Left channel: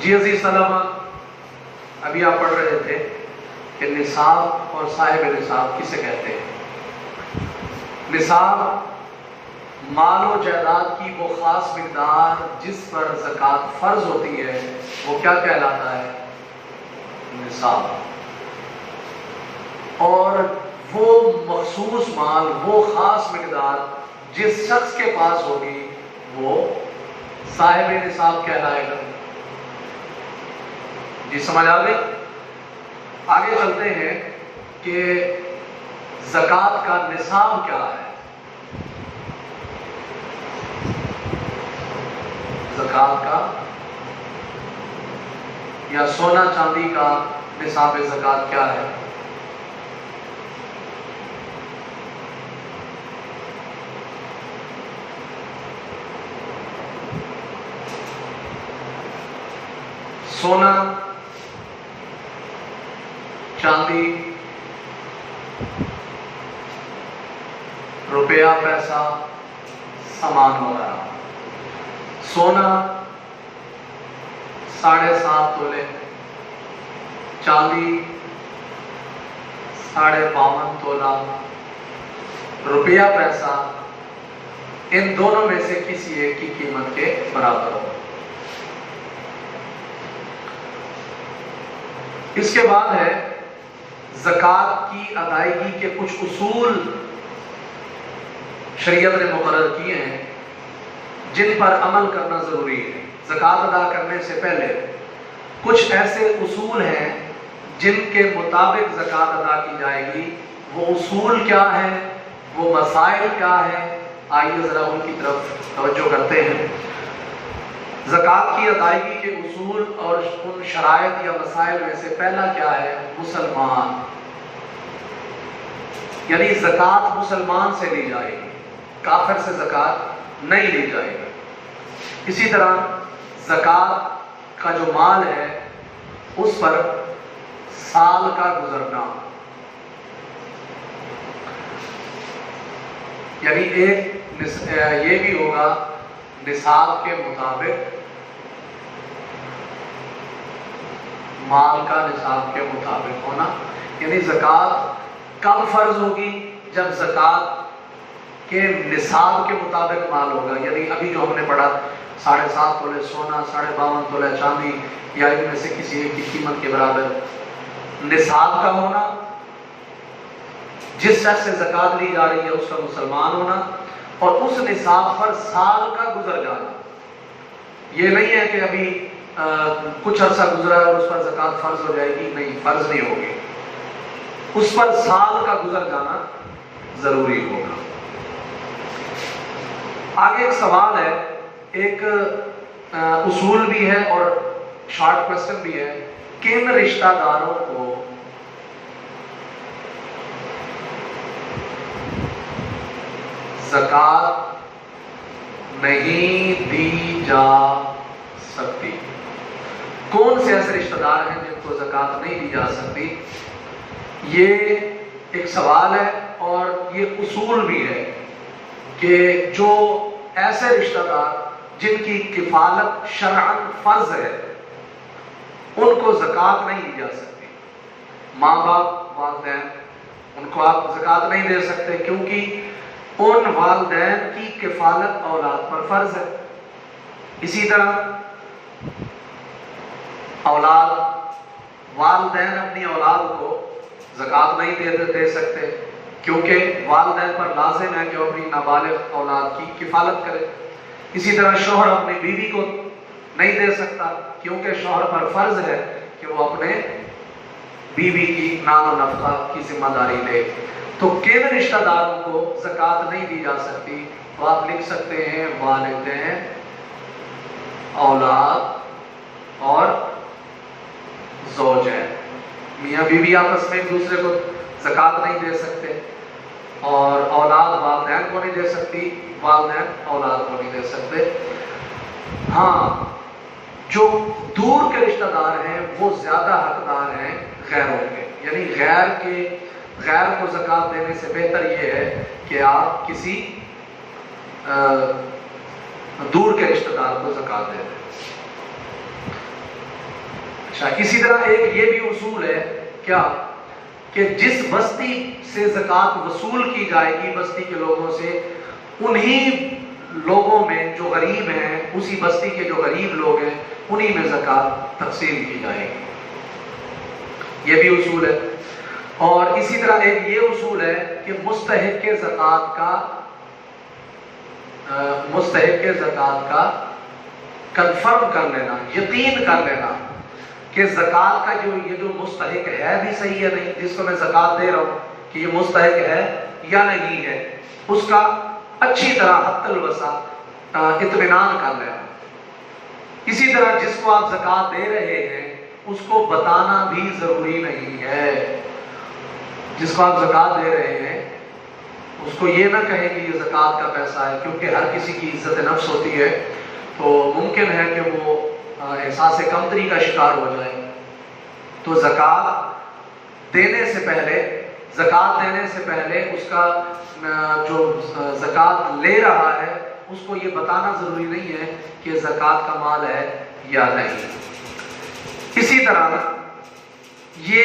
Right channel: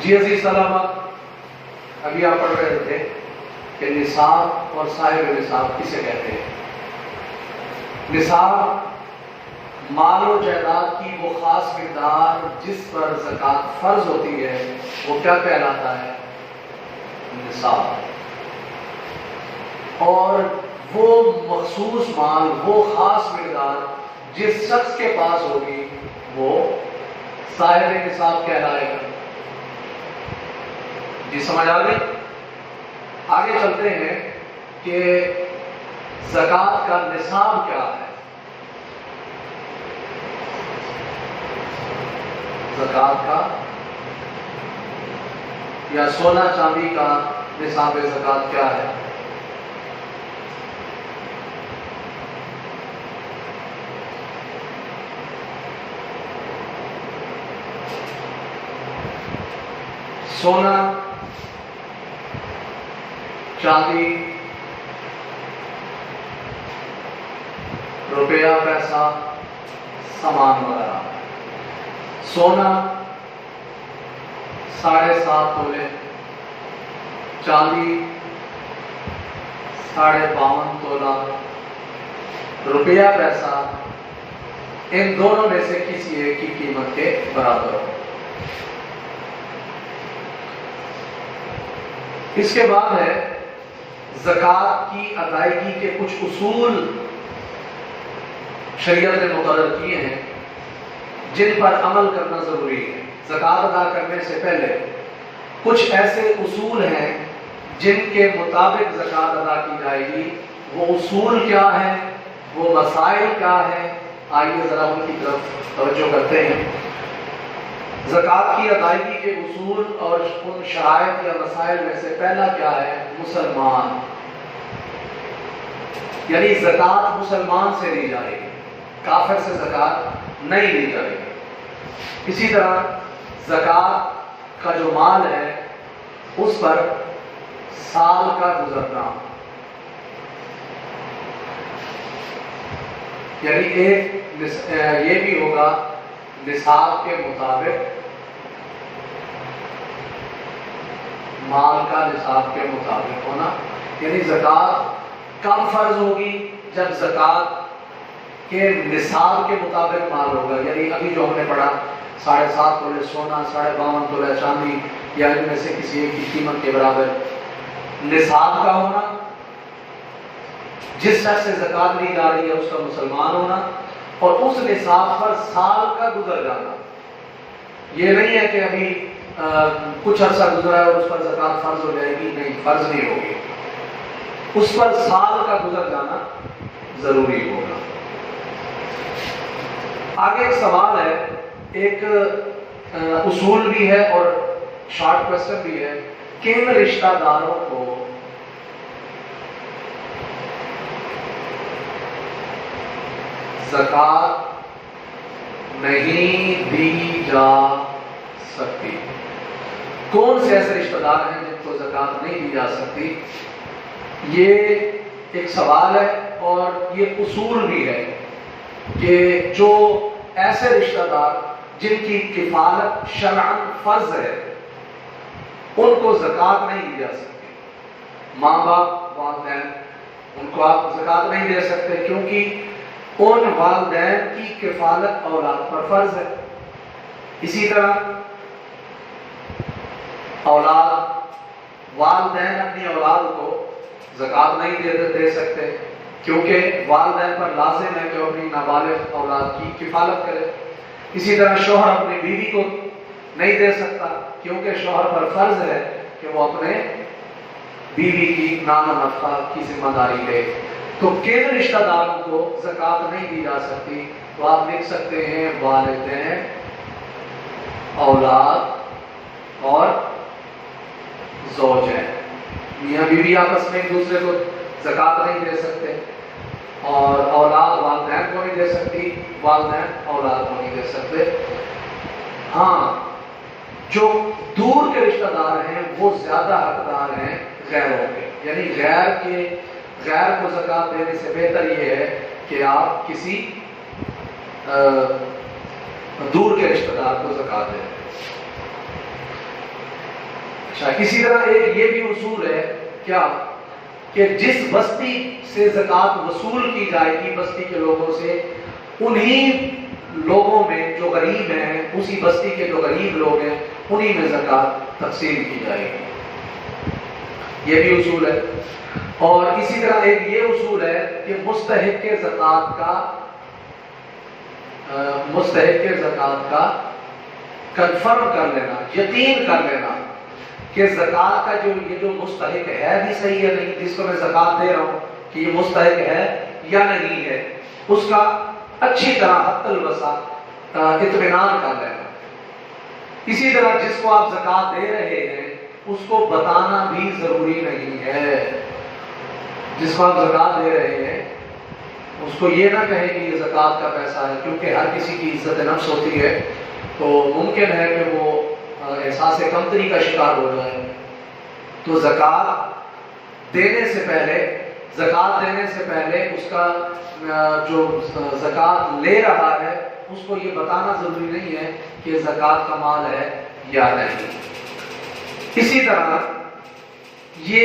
جی عزیز طلبہ، ابھی آپ پڑھ رہے تھے کہ نصاب اور صاحب نصاب کسے کہتے ہیں۔ نصاب مال و جائیداد کی وہ خاص مقدار جس پر زکوٰۃ فرض ہوتی ہے، وہ کیا کہلاتا ہے؟ نصاب۔ اور وہ مخصوص مال، وہ خاص مقدار جس شخص کے پاس ہوگی وہ صاحب نصاب کہلائے گا۔ جی سمجھ آ گئی؟ آگے چلتے ہیں کہ زکوٰۃ کا نصاب کیا ہے۔ زکوٰۃ کا یا سونا چاندی کا نصاب زکوٰۃ کیا ہے؟ سونا، چاندی، روپیہ، پیسہ، سامان وغیرہ۔ سونا 7.5 تولے، چاندی 52.5 تولہ، روپیہ پیسہ ان دونوں میں سے کسی ایک کی قیمت کے برابر ہو۔ اس کے بعد ہے زکوٰۃ کی ادائیگی کے کچھ اصول شریعت نے مقرر کیے ہیں جن پر عمل کرنا ضروری ہے۔ زکوٰۃ ادا کرنے سے پہلے کچھ ایسے اصول ہیں جن کے مطابق زکوٰۃ ادا کی جائے گی۔ وہ اصول کیا ہیں، وہ مسائل کیا ہیں، آئیے ذرا ان کی طرف توجہ کرتے ہیں۔ زکوٰۃ کی ادائیگی کے اصول اور ان شرائط یا مسائل میں سے پہلا کیا ہے؟ مسلمان، یعنی زکوٰۃ مسلمان سے لی جائے گی، کافر سے زکوٰۃ نہیں لی جائے گی۔ اسی طرح زکوٰۃ کا جو مال ہے اس پر سال کا گزرنا، یعنی یہ بھی ہوگا نصاب کے مطابق، مال کا نصاب کے مطابق ہونا، یعنی زکوٰۃ کب فرض ہوگی؟ جب زکوٰۃ کے نصاب کے مطابق مال ہوگا، یعنی ابھی جو ہم نے پڑھا 7.5 تولے سونا، 52.5 تولے چاندی یا ان میں سے کسی ایک کی قیمت کے برابر نصاب کا ہونا، جس شخص سے زکوٰۃ لی جا رہی ہے اس کا مسلمان ہونا، اور اس نصاب پر سال کا گزر جانا۔ یہ نہیں ہے کہ ابھی کچھ عرصہ گزرا ہے اور اس پر زکوٰۃ فرض ہو جائے گی، نہیں، فرض نہیں ہوگی، اس پر سال کا گزر جانا ضروری ہوگا۔ آگے ایک سوال ہے، ایک اصول بھی ہے اور شارٹ کوسچن بھی ہے، کن رشتہ داروں کو زکوٰۃ نہیں دی جا سکتی؟ کون سے ایسے رشتہ دار ہیں جن کو زکوٰۃ نہیں دی جا سکتی؟ یہ ایک سوال ہے اور یہ اصول بھی ہے کہ جو ایسے رشتہ دار جن کی کفالت شرعاً فرض ہے ان کو زکوٰۃ نہیں دی جا سکتی۔ ماں باپ، والدین، ان کو آپ زکوٰۃ نہیں دے سکتے کیونکہ ان والدین کی کفالت اولاد پر فرض ہے۔ اسی طرح اولاد، والدین اپنی اولاد کو زکوٰۃ نہیں دے سکتے کیونکہ والدین پر لازم ہے کہ وہ اپنی نابالغ اولاد کی کفالت کرے۔ اسی طرح شوہر اپنی بیوی کو نہیں دے سکتا کیونکہ شوہر پر فرض ہے کہ وہ اپنے بیوی کی نان و نفقہ کی ذمہ داری لے۔ تو کن رشتہ داروں کو زکوٰۃ نہیں دی جا سکتی؟ تو آپ لکھ سکتے ہیں والدین، اولاد اور زوجین۔ میاں بیوی آپس میں ایک دوسرے کو زکوٰۃ نہیں دے سکتے، اور اولاد والدین کو نہیں دے سکتی، والدین اولاد کو نہیں دے سکتے۔ ہاں، جو دور کے رشتہ دار ہیں وہ زیادہ حقدار ہیں غیروں کے، یعنی غیر کو زکوٰۃ دینے سے بہتر یہ ہے کہ آپ کسی دور کے رشتہ دار کو زکوٰۃ دیں۔ اسی طرح ایک یہ بھی اصول ہے کیا کہ جس بستی سے زکوٰۃ وصول کی جائے گی بستی کے لوگوں سے، انہی لوگوں میں جو غریب ہیں، اسی بستی کے جو غریب لوگ ہیں، انہی میں زکوٰۃ تقسیم کی جائے گی، یہ بھی اصول ہے۔ اور اسی طرح ایک یہ اصول ہے کہ مستحق زکوٰۃ کا کنفرم کر لینا، یقین کر لینا کہ زکوٰۃ کا یہ جو مستحق ہے بھی صحیح ہے نہیں، جس کو میں زکوٰۃ دے رہا ہوں کہ یہ مستحق ہے یا نہیں ہے، اس کا اچھی طرح حد الوسع اطمینان کر لینا۔ اسی طرح جس کو آپ زکوٰۃ دے رہے ہیں اس کو بتانا بھی ضروری نہیں ہے، جس کو آپ زکوٰۃ دے رہے ہیں اس کو یہ نہ کہیں کہ یہ زکوٰۃ کا پیسہ ہے، کیونکہ ہر کسی کی عزت نفس ہوتی ہے، تو ممکن ہے کہ وہ احساس کمتری کا شکار ہو جائے۔ تو زکوٰۃ دینے سے پہلے اس کا جو زکوٰۃ لے رہا ہے اس کو یہ بتانا ضروری نہیں ہے کہ زکوٰۃ کا مال ہے یا نہیں۔ اسی طرح یہ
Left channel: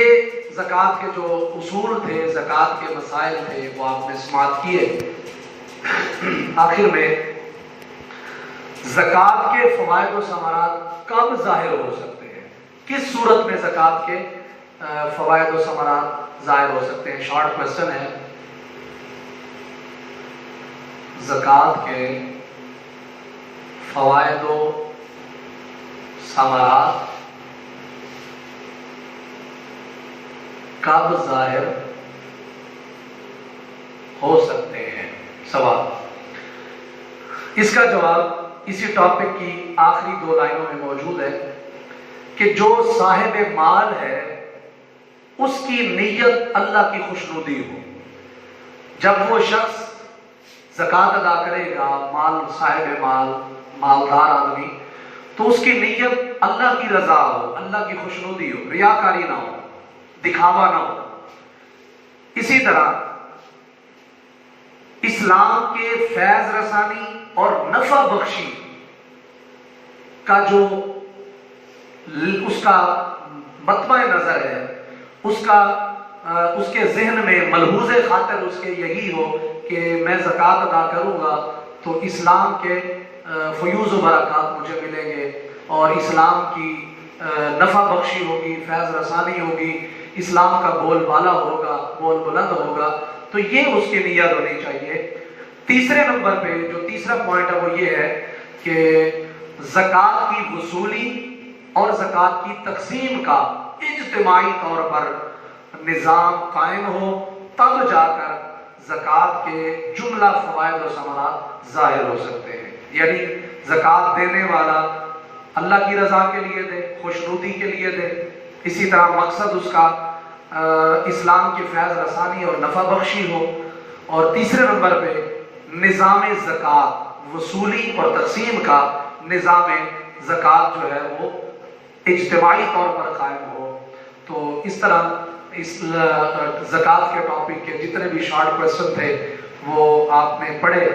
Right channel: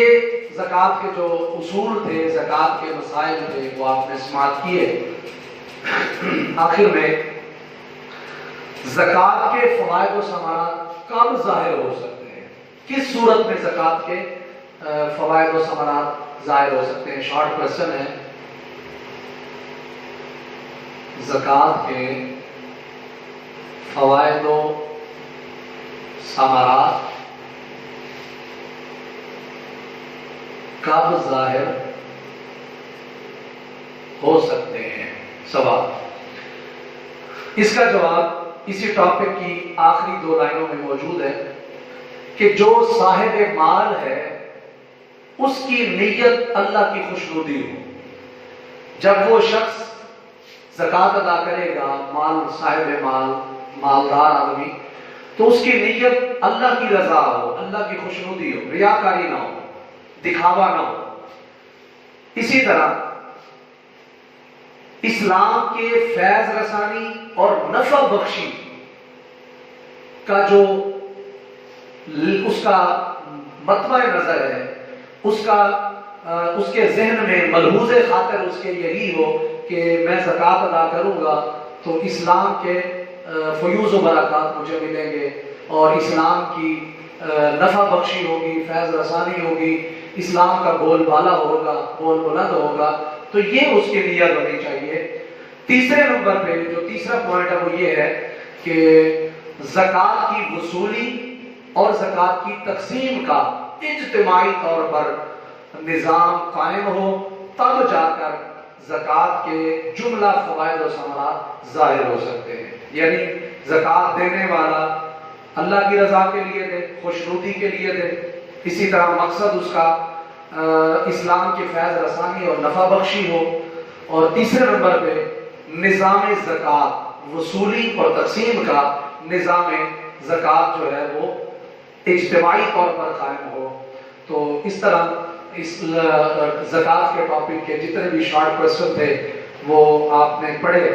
زکوٰۃ کے جو اصول تھے، زکوٰۃ کے مسائل تھے، وہ آپ نے سماعت کیے۔ آخر میں زکوٰۃ کے فوائد و ثمرات کب ظاہر ہو سکتے ہیں، کس صورت میں زکوٰۃ کے فوائد و ثمرات ظاہر ہو سکتے ہیں؟ شارٹ کوسچن ہے۔ زکوٰۃ کے فوائد و ثمرات کب ظاہر ہو سکتے ہیں؟ سوال۔ اس کا جواب اسی ٹاپک کی آخری 2 لائنوں میں موجود ہے کہ جو صاحب مال ہے اس کی نیت اللہ کی خوشنودی ہو۔ جب وہ شخص زکوٰۃ ادا کرے گا، صاحب مال، مالدار آدمی، تو اس کی نیت اللہ کی رضا ہو، اللہ کی خوشنودی ہو، ریاکاری نہ ہو، دکھاوا نہ ہو۔ اسی طرح اسلام کے فیض رسانی اور نفع بخشی کا جو اس کا مطمع نظر ہے، اس کے ذہن میں ملحوظ خاطر اس کے یہی ہو کہ میں زکوٰۃ ادا کروں گا تو اسلام کے فیوز و برکات مجھے ملیں گے، اور اسلام کی نفع بخشی ہوگی، فیض رسانی ہوگی، اسلام کا بول بالا ہوگا، بول بلند ہوگا، تو یہ اس کی نیت ہونی چاہیے۔ تیسرے نمبر پہ جو تیسرا پوائنٹ ہے وہ یہ ہے کہ زکوٰۃ کی وصولی اور زکوٰۃ کی تقسیم کا اجتماعی طور پر نظام قائم ہو، تب جا کر زکوٰۃ کے جملہ فوائد و ثمرات ظاہر ہو سکتے ہیں۔ یعنی زکوٰۃ دینے والا اللہ کی رضا کے لیے دے، خوشنودی کے لیے دے، اسی طرح مقصد اس کا اسلام کی فیض رسانی اور نفع بخشی ہو، اور تیسرے نمبر پہ نظام زکوٰۃ وصولی اور تقسیم کا نظام زکوٰۃ جو ہے وہ اجتماعی طور پر قائم ہو۔ تو اس طرح اس زکوٰۃ کے ٹاپک کے جتنے بھی شارٹ کوسچن تھے وہ آپ نے پڑھے۔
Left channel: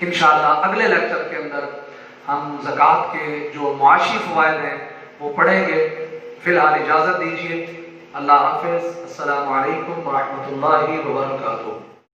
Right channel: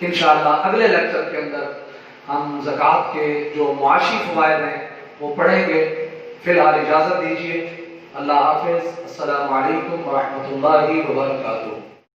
انشاءاللہ اگلے لیکچر کے اندر ہم زکوٰۃ کے جو معاشی فوائد ہیں وہ پڑھیں گے۔ فی الحال اجازت دیجیے، اللہ حافظ، السلام علیکم ورحمۃ اللہ وبرکاتہ۔